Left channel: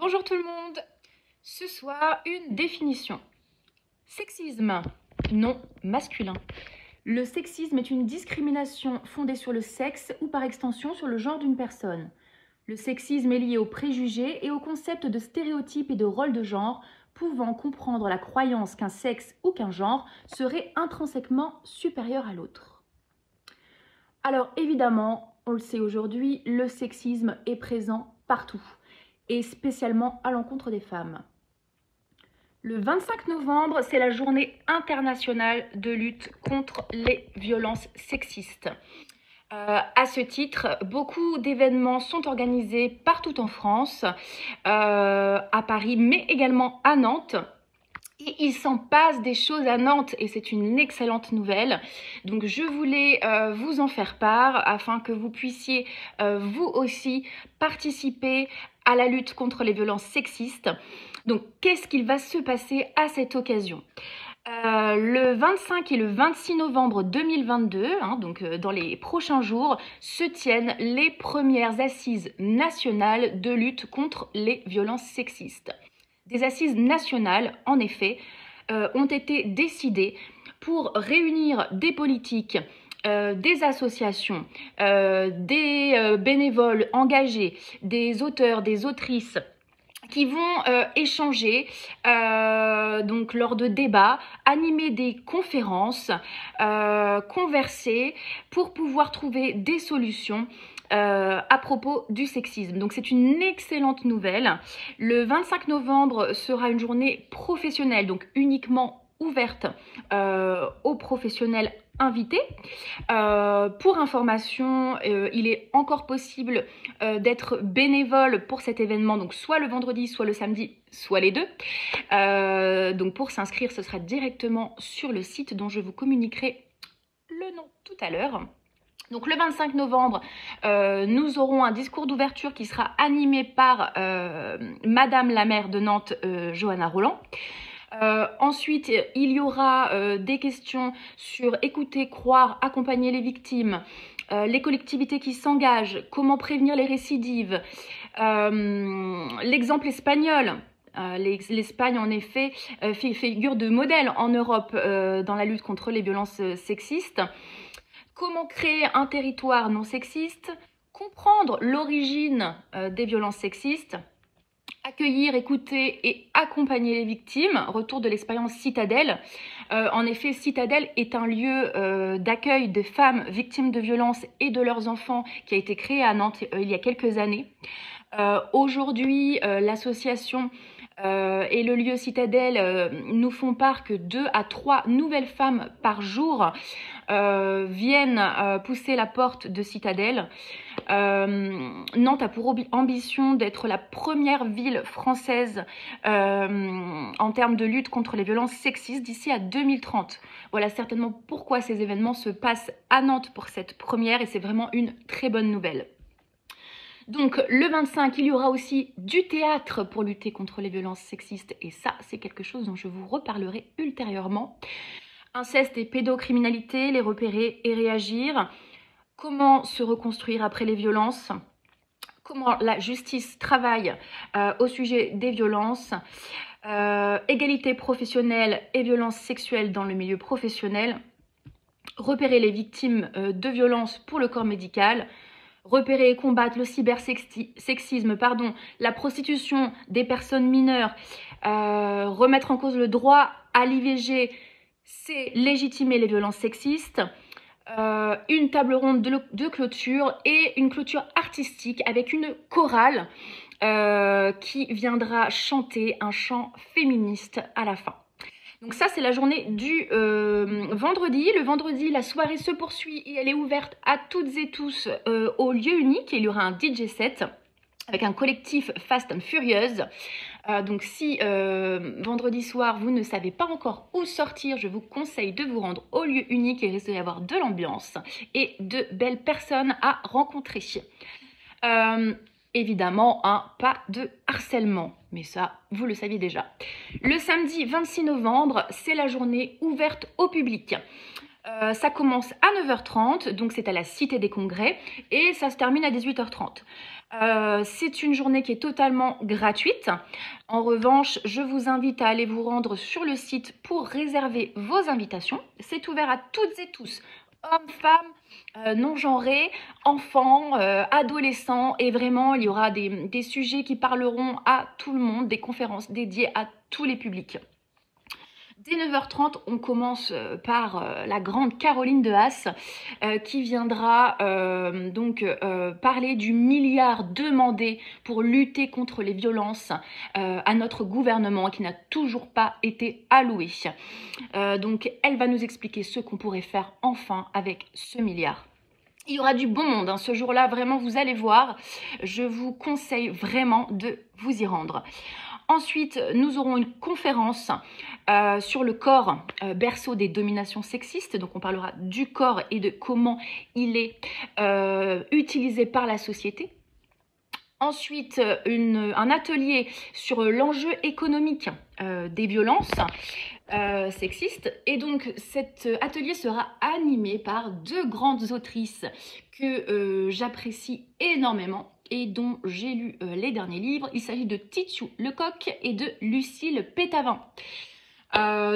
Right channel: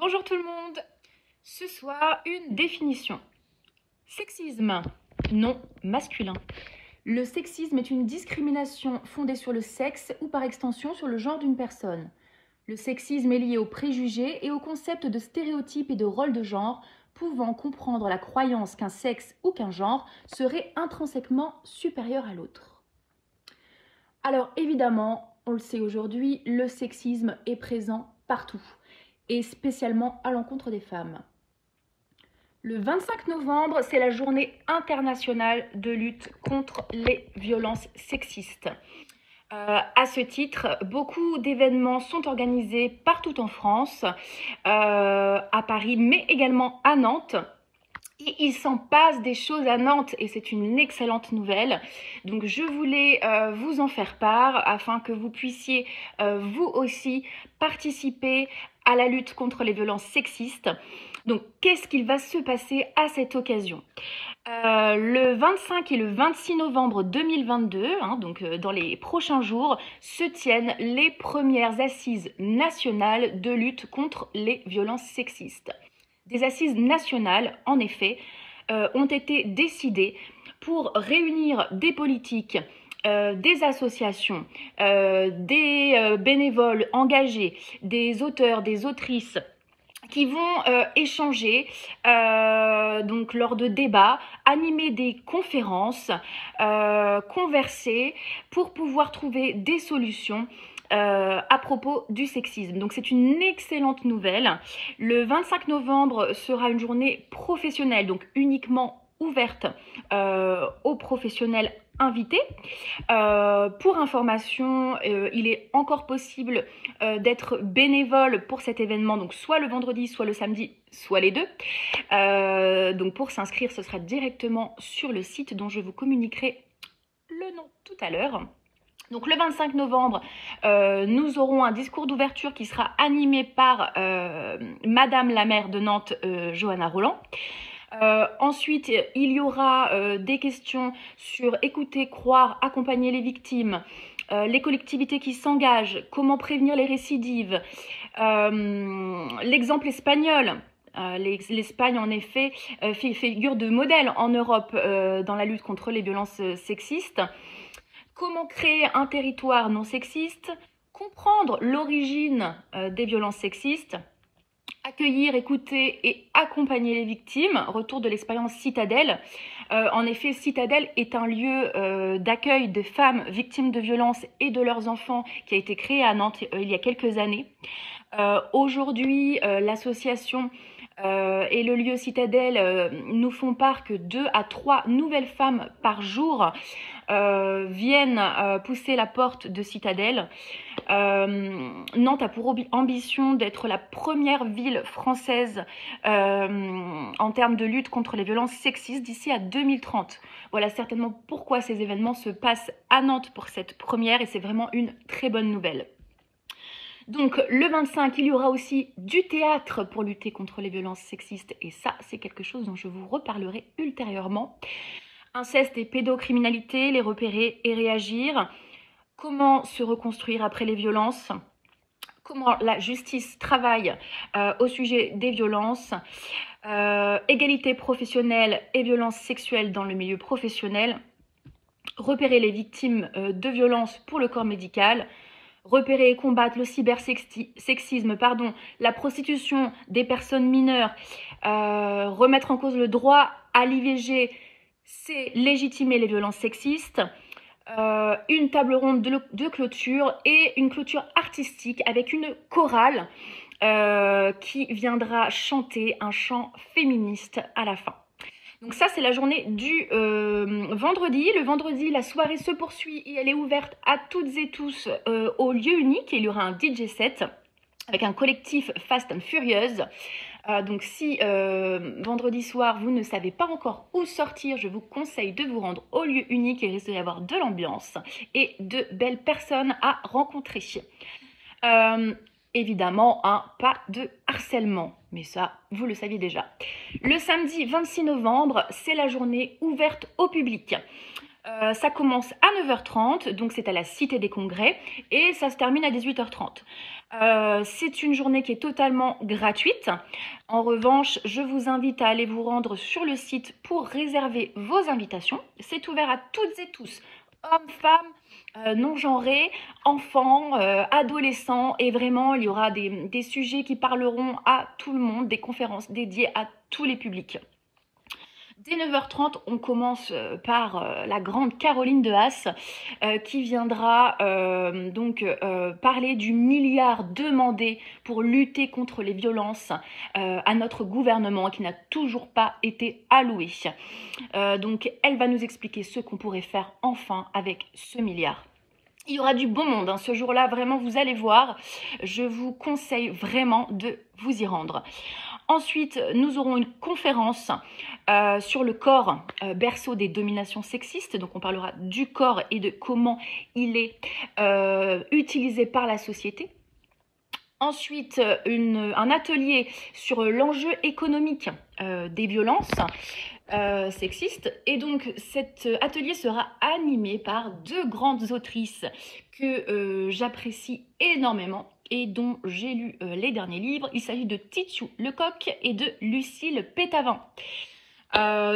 Bonjour tout le monde. Ce soir, une définition. Sexisme, non masculin. Le sexisme est une discrimination fondée sur le sexe ou par extension sur le genre d'une personne. Le sexisme est lié aux préjugés et au concept de stéréotypes et de rôles de genre, pouvant comprendre la croyance qu'un sexe ou qu'un genre serait intrinsèquement supérieur à l'autre. Alors évidemment, on le sait aujourd'hui, le sexisme est présent partout, et spécialement à l'encontre des femmes. Le 25 novembre, c'est la journée internationale de lutte contre les violences sexistes. À ce titre, beaucoup d'événements sont organisés partout en France, à Paris, mais également à Nantes. Et il s'en passe des choses à Nantes et c'est une excellente nouvelle. Donc je voulais vous en faire part afin que vous puissiez vous aussi participer à la lutte contre les violences sexistes. Donc qu'est-ce qu'il va se passer à cette occasion ? Le 25 et le 26 novembre 2022, donc dans les prochains jours, se tiennent les premières assises nationales de lutte contre les violences sexistes. Des assises nationales, en effet, ont été décidées pour réunir des politiques, des associations, des bénévoles engagés, des auteurs, des autrices qui vont échanger donc lors de débats, animer des conférences, converser pour pouvoir trouver des solutions à propos du sexisme. Donc c'est une excellente nouvelle. Le 25 novembre sera une journée professionnelle, donc uniquement ouverte aux professionnels invités. Pour information, il est encore possible d'être bénévole pour cet événement, donc soit le vendredi, soit le samedi, soit les deux. Donc pour s'inscrire, ce sera directement sur le site dont je vous communiquerai le nom tout à l'heure. Donc le 25 novembre, nous aurons un discours d'ouverture qui sera animé par Madame la maire de Nantes, Johanna Roland. Ensuite, il y aura des questions sur écouter, croire, accompagner les victimes, les collectivités qui s'engagent, comment prévenir les récidives, l'exemple espagnol. L'Espagne, en effet, fait figure de modèle en Europe dans la lutte contre les violences sexistes. Comment créer un territoire non sexiste, comprendre l'origine des violences sexistes, accueillir, écouter et accompagner les victimes, retour de l'expérience Citadelle. En effet, Citadelle est un lieu d'accueil des femmes victimes de violences et de leurs enfants qui a été créé à Nantes il y a quelques années. Aujourd'hui, l'association et le lieu Citadelle nous font part que 2 à 3 nouvelles femmes par jour viennent pousser la porte de Citadelle. Nantes a pour ambition d'être la première ville française en termes de lutte contre les violences sexistes d'ici à 2030. Voilà certainement pourquoi ces événements se passent à Nantes pour cette première et c'est vraiment une très bonne nouvelle. Donc le 25, il y aura aussi du théâtre pour lutter contre les violences sexistes et ça, c'est quelque chose dont je vous reparlerai ultérieurement. Inceste et pédocriminalité, les repérer et réagir. Comment se reconstruire après les violences. Comment la justice travaille au sujet des violences. Égalité professionnelle et violences sexuelles dans le milieu professionnel. Repérer les victimes de violences pour le corps médical. Repérer et combattre le cybersexisme, la prostitution des personnes mineures, remettre en cause le droit à l'IVG, c'est légitimer les violences sexistes, une table ronde de clôture et une clôture artistique avec une chorale qui viendra chanter un chant féministe à la fin. Donc ça, c'est la journée du vendredi. Le vendredi, la soirée se poursuit et elle est ouverte à toutes et tous au lieu unique. Il y aura un DJ set avec un collectif Fast and Furious. Donc si vendredi soir, vous ne savez pas encore où sortir, je vous conseille de vous rendre au lieu unique. Il risque d'y avoir de l'ambiance et de belles personnes à rencontrer. Évidemment, pas de harcèlement, mais ça, vous le saviez déjà. Le samedi 26 novembre, c'est la journée ouverte au public. Ça commence à 9h30, donc c'est à la Cité des Congrès, et ça se termine à 18h30. C'est une journée qui est totalement gratuite. En revanche, je vous invite à aller vous rendre sur le site pour réserver vos invitations. C'est ouvert à toutes et tous, hommes, femmes, non-genrés, enfants, adolescents, et vraiment, il y aura des sujets qui parleront à tout le monde, des conférences dédiées à tous les publics. Dès 9h30, on commence par la grande Caroline de Haas qui viendra parler du milliard demandé pour lutter contre les violences à notre gouvernement qui n'a toujours pas été alloué. Donc elle va nous expliquer ce qu'on pourrait faire enfin avec ce milliard. Il y aura du bon monde, hein. Ce jour-là, vraiment, vous allez voir. Je vous conseille vraiment de vous y rendre. Ensuite, nous aurons une conférence sur le corps, berceau des dominations sexistes. Donc, on parlera du corps et de comment il est utilisé par la société. Ensuite, un atelier sur l'enjeu économique des violences sexistes. Et donc, cet atelier sera animé par deux grandes autrices que j'apprécie énormément et dont j'ai lu les derniers livres. Il s'agit de Titiou Lecoq et de Lucille Pétavin.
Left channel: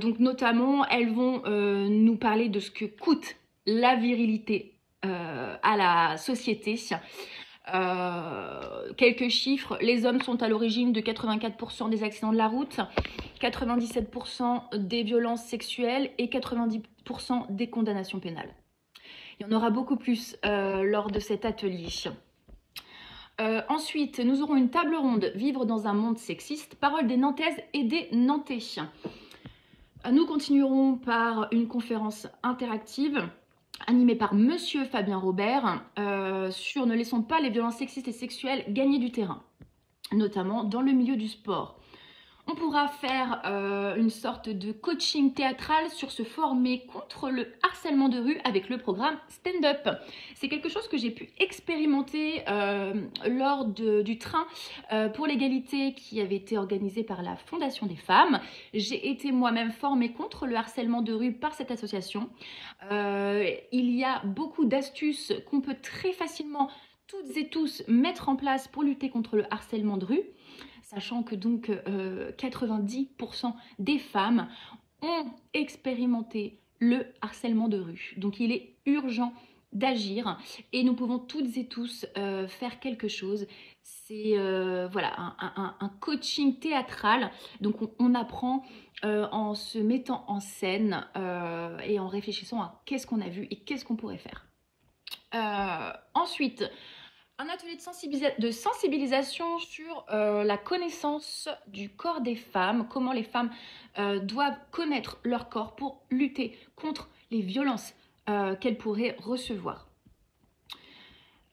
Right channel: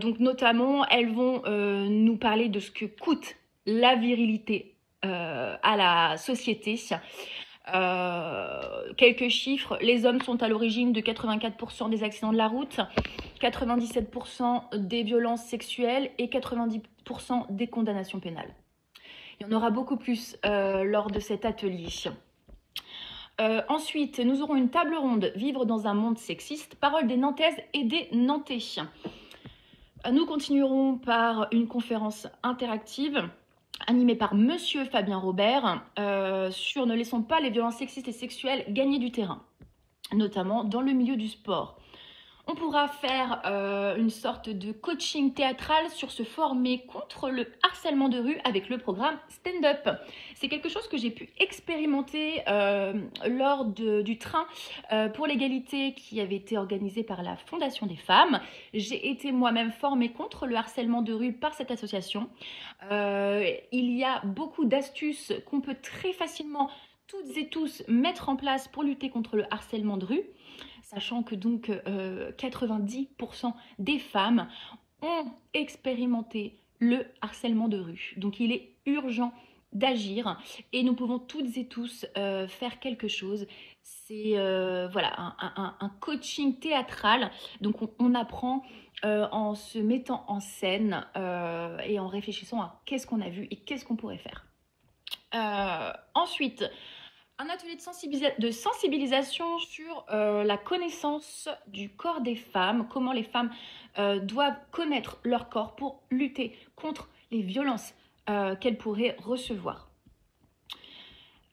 Donc notamment, elles vont nous parler de ce que coûte la virilité à la société. Quelques chiffres, les hommes sont à l'origine de 84% des accidents de la route, 97% des violences sexuelles et 90% des condamnations pénales. Il y en aura beaucoup plus lors de cet atelier. Ensuite, nous aurons une table ronde « Vivre dans un monde sexiste », parole des Nantaises et des Nantais. Nous continuerons par une conférence interactive animée par Monsieur Fabien Robert sur « Ne laissons pas les violences sexistes et sexuelles gagner du terrain », notamment dans le milieu du sport. On pourra faire une sorte de coaching théâtral sur se former contre le harcèlement de rue avec le programme Stand-Up. C'est quelque chose que j'ai pu expérimenter lors du train pour l'égalité qui avait été organisé par la Fondation des femmes. J'ai été moi-même formée contre le harcèlement de rue par cette association. Il y a beaucoup d'astuces qu'on peut très facilement toutes et tous mettre en place pour lutter contre le harcèlement de rue, sachant que donc 90% des femmes ont expérimenté le harcèlement de rue. Donc il est urgent d'agir et nous pouvons toutes et tous faire quelque chose. C'est voilà, un coaching théâtral, donc on apprend en se mettant en scène et en réfléchissant à qu'est-ce qu'on a vu et qu'est-ce qu'on pourrait faire. Ensuite, un atelier de sensibilisation sur la connaissance du corps des femmes, comment les femmes doivent connaître leur corps pour lutter contre les violences qu'elles pourraient recevoir.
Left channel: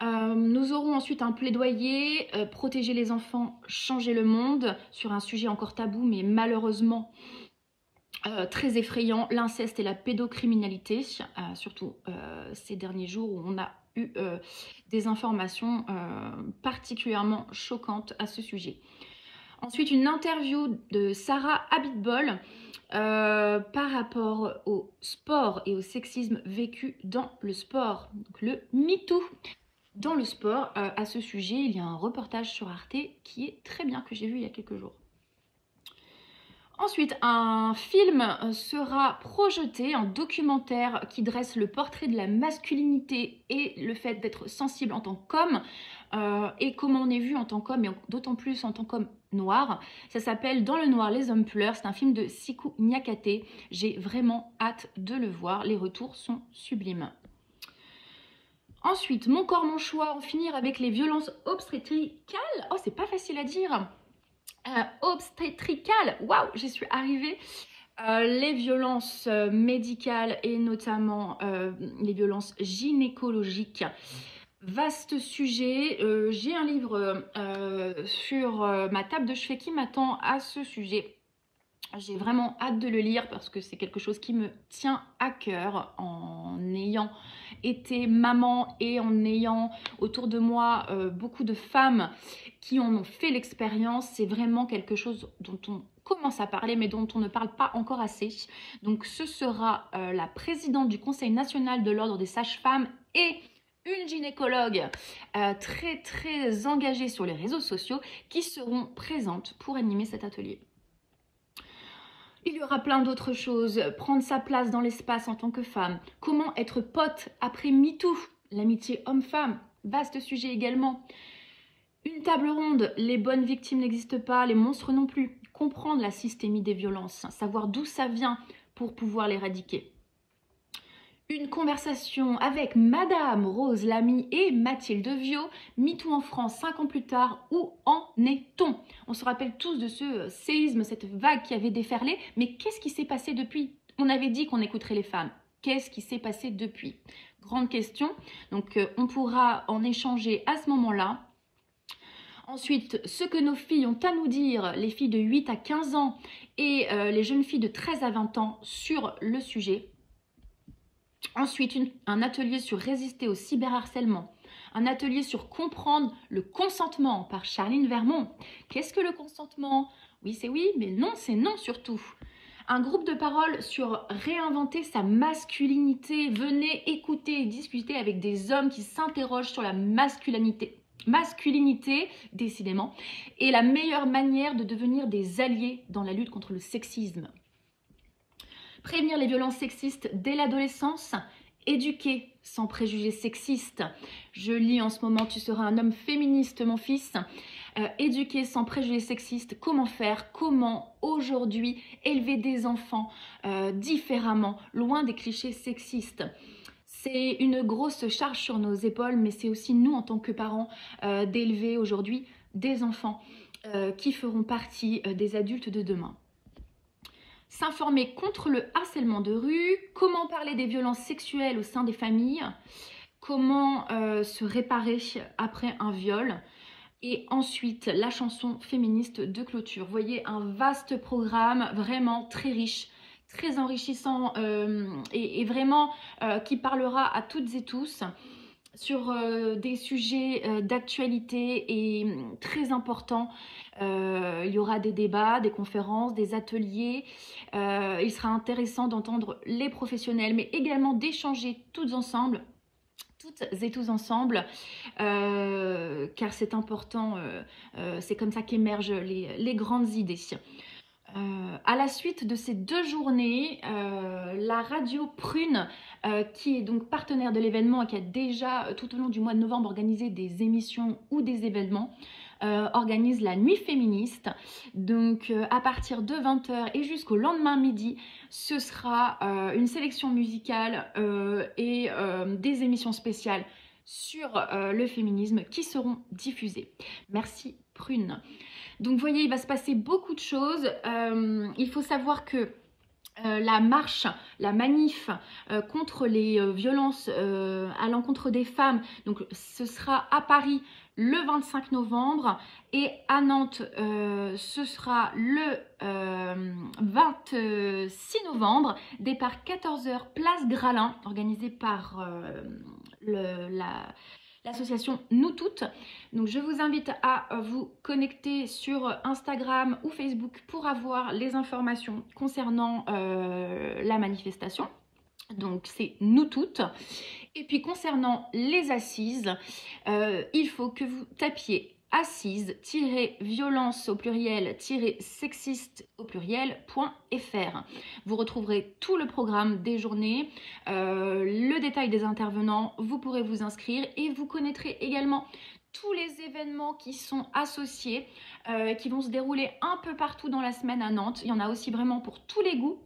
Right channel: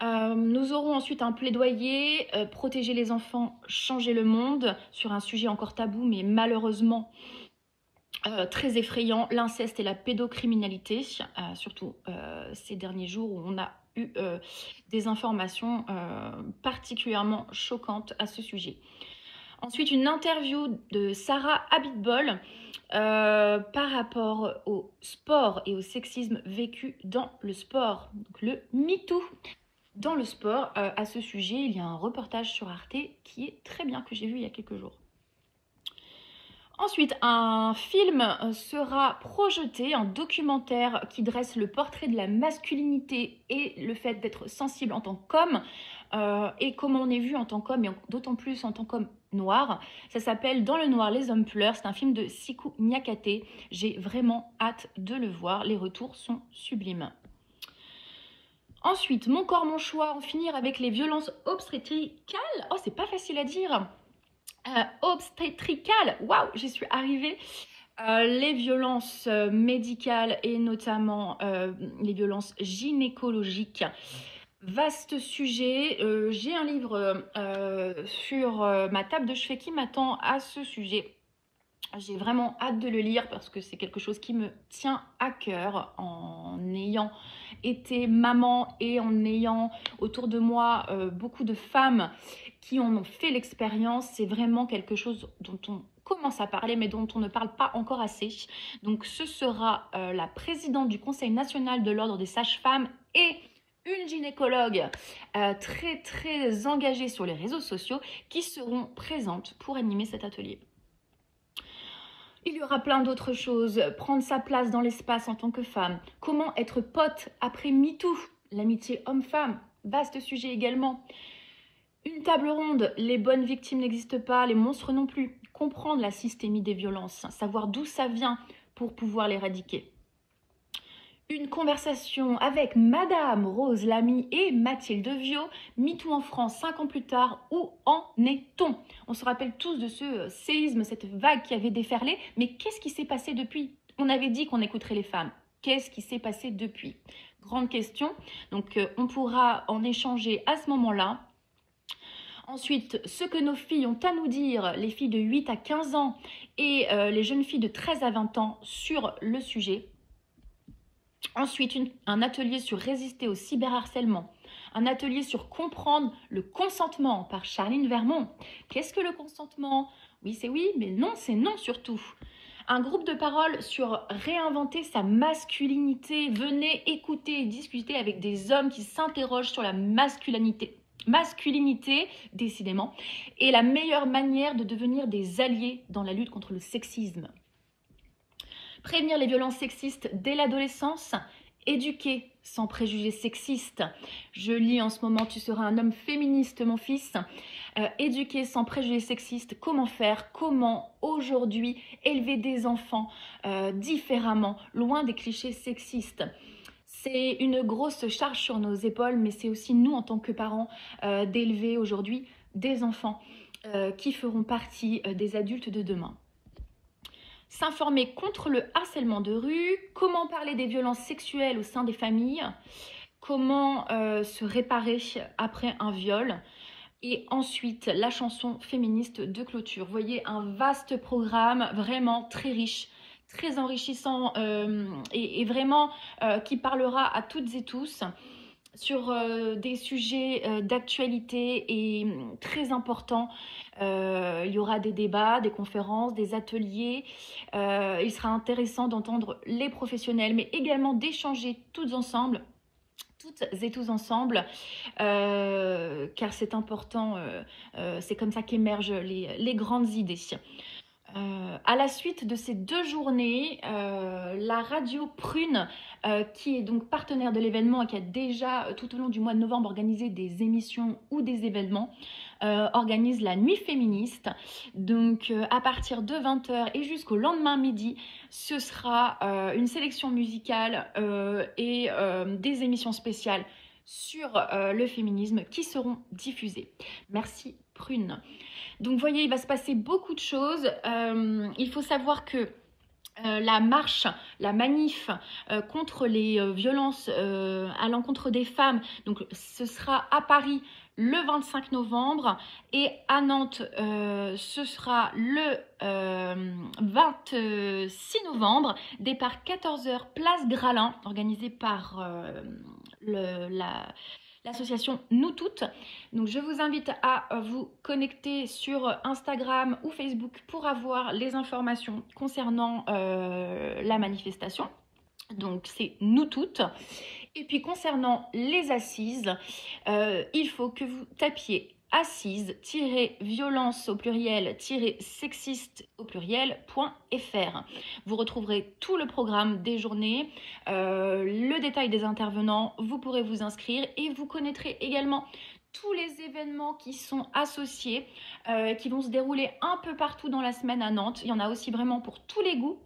Nous aurons ensuite un plaidoyer, protéger les enfants, changer le monde, sur un sujet encore tabou mais malheureusement très effrayant, l'inceste et la pédocriminalité, surtout ces derniers jours où on a eu des informations particulièrement choquantes à ce sujet. Ensuite, une interview de Sarah Abitbol par rapport au sport et au sexisme vécu dans le sport, donc le MeToo. Dans le sport, à ce sujet, il y a un reportage sur Arte qui est très bien, que j'ai vu il y a quelques jours. Ensuite, un film sera projeté, un documentaire qui dresse le portrait de la masculinité et le fait d'être sensible en tant qu'homme et comment on est vu en tant qu'homme et d'autant plus en tant qu'homme noir. Ça s'appelle Dans le noir, les hommes pleurent. C'est un film de Sikou Niakate. J'ai vraiment hâte de le voir. Les retours sont sublimes. Ensuite, Mon corps, mon choix, en finir avec les violences obstétricales. Oh, c'est pas facile à dire. Obstétricales, waouh, j'y suis arrivée. Les violences médicales et notamment les violences gynécologiques. Vaste sujet. J'ai un livre sur ma table de chevet qui m'attend à ce sujet. J'ai vraiment hâte de le lire parce que c'est quelque chose qui me tient à cœur en ayant été maman et en ayant autour de moi beaucoup de femmes qui en ont fait l'expérience, c'est vraiment quelque chose dont on commence à parler mais dont on ne parle pas encore assez. Donc ce sera la présidente du Conseil national de l'ordre des sages-femmes et une gynécologue très engagée sur les réseaux sociaux qui seront présentes pour animer cet atelier. Il y aura plein d'autres choses, prendre sa place dans l'espace en tant que femme, comment être pote après MeToo, l'amitié homme-femme, vaste sujet également. Une table ronde, les bonnes victimes n'existent pas, les monstres non plus. Comprendre la systémie des violences, savoir d'où ça vient pour pouvoir l'éradiquer. Une conversation avec Madame Rose Lamy et Mathilde Viau, MeToo en France 5 ans plus tard, où en est-on? On se rappelle tous de ce séisme, cette vague qui avait déferlé, mais qu'est-ce qui s'est passé depuis? On avait dit qu'on écouterait les femmes. Qu'est-ce qui s'est passé depuis? Grande question, donc on pourra en échanger à ce moment-là. Ensuite, ce que nos filles ont à nous dire, les filles de 8 à 15 ans et les jeunes filles de 13 à 20 ans sur le sujet. Ensuite, un atelier sur résister au cyberharcèlement. Un atelier sur comprendre le consentement par Charline Vermont. Qu'est-ce que le consentement? Oui, c'est oui, mais non, c'est non surtout. Un groupe de parole sur réinventer sa masculinité. Venez écouter et discuter avec des hommes qui s'interrogent sur la masculinité, décidément, et la meilleure manière de devenir des alliés dans la lutte contre le sexisme. Prévenir les violences sexistes dès l'adolescence, éduquer sans préjugés sexistes. Je lis en ce moment « Tu seras un homme féministe, mon fils ». Éduquer sans préjugés sexistes, comment faire, comment aujourd'hui élever des enfants différemment, loin des clichés sexistes. C'est une grosse charge sur nos épaules, mais c'est aussi nous en tant que parents d'élever aujourd'hui des enfants qui feront partie des adultes de demain. S'informer contre le harcèlement de rue, comment parler des violences sexuelles au sein des familles, comment se réparer après un viol, et ensuite la chanson féministe de clôture. Vous voyez, un vaste programme vraiment très riche, très enrichissant et vraiment qui parlera à toutes et tous sur des sujets d'actualité et très importants. Il y aura des débats, des conférences, des ateliers. Il sera intéressant d'entendre les professionnels, mais également d'échanger toutes et tous ensemble, car c'est important, c'est comme ça qu'émergent les grandes idées. À la suite de ces 2 journées, la radio Prune, qui est donc partenaire de l'événement et qui a déjà tout au long du mois de novembre organisé des émissions ou des événements, organise la nuit féministe. Donc à partir de 20h et jusqu'au lendemain midi, ce sera une sélection musicale et des émissions spéciales sur le féminisme qui seront diffusées. Merci Prune. Donc vous voyez, il va se passer beaucoup de choses. Il faut savoir que la marche, la manif contre les violences à l'encontre des femmes, donc ce sera à Paris le 25 novembre et à Nantes ce sera le 26 novembre, départ 14h place Gralin, organisé par l'association Nous Toutes. Donc je vous invite à vous connecter sur Instagram ou Facebook pour avoir les informations concernant la manifestation. Donc c'est Nous Toutes. Et puis concernant les assises, il faut que vous tapiez assises-violence au pluriel-sexiste au pluriel.fr. Vous retrouverez tout le programme des journées, le détail des intervenants, vous pourrez vous inscrire et vous connaîtrez également tous les événements qui sont associés, qui vont se dérouler un peu partout dans la semaine à Nantes. Il y en a aussi vraiment pour tous les goûts.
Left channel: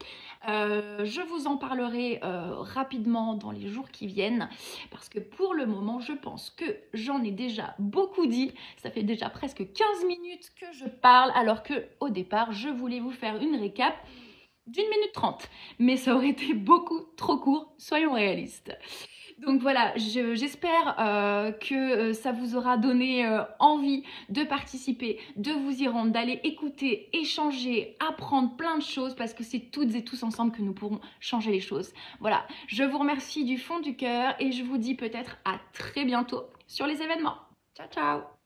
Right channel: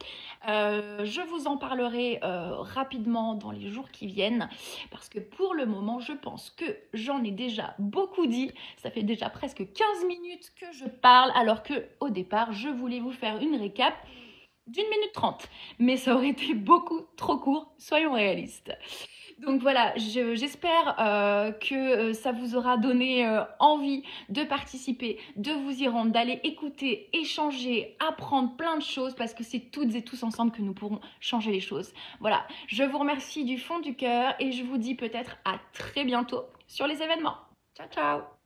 Je vous en parlerai rapidement dans les jours qui viennent, parce que pour le moment, je pense que j'en ai déjà beaucoup dit. Ça fait déjà presque 15 minutes que je parle, alors qu'au départ, je voulais vous faire une récap d'1 minute 30. Mais ça aurait été beaucoup trop court, soyons réalistes. Donc voilà, j'espère que ça vous aura donné envie de participer, de vous y rendre, d'aller écouter, échanger, apprendre plein de choses parce que c'est toutes et tous ensemble que nous pourrons changer les choses. Voilà, je vous remercie du fond du cœur et je vous dis peut-être à très bientôt sur les événements. Ciao, ciao!